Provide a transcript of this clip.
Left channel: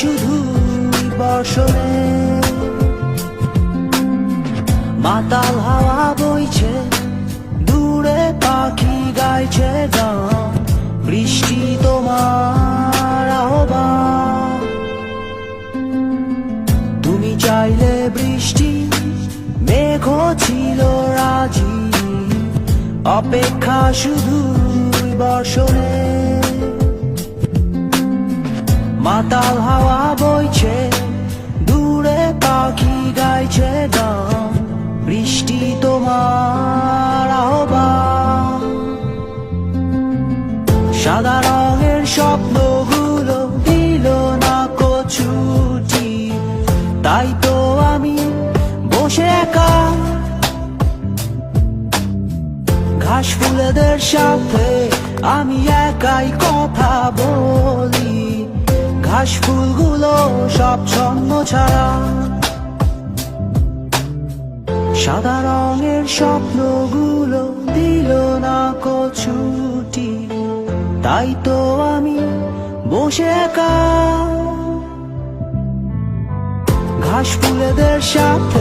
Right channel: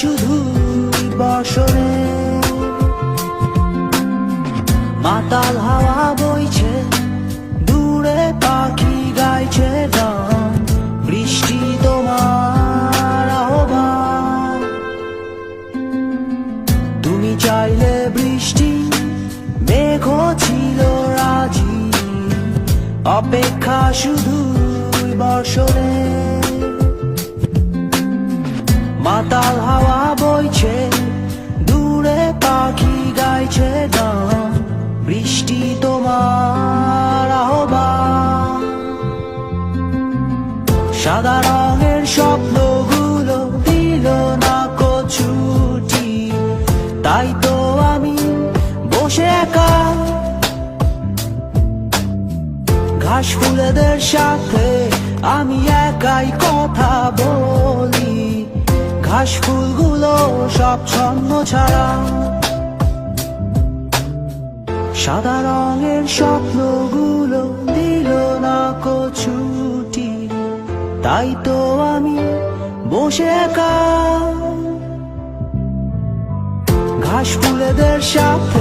শুধু বসরে মাতাল হাওয়া বইছে দূরে পাখি গাইছে গান বৃষ্টি তোমার আহ্বান তুমি চাইলে বৃষ্টি মেঘ ছিল রাজি অপেক্ষা শুধু বর্ষরে মাতাল হাওয়া বইছে দূরে পাখি গাইছে গান বৃষ্টি তোমার আহ্বান সাদা রঙের স্বপ্নগুলো দিল না প্রছুটি তাই তো আমি বসে ঘাস ফুলেদের সাথে আমি একাই কথা বলি ঘাস ফুলগুলো সব ছন্ন ছাড়া সাদা রঙের স্বপ্নগুলো দিল না ছুটি তাই তো আমি বসে ঘাস ফুলেদের সাথে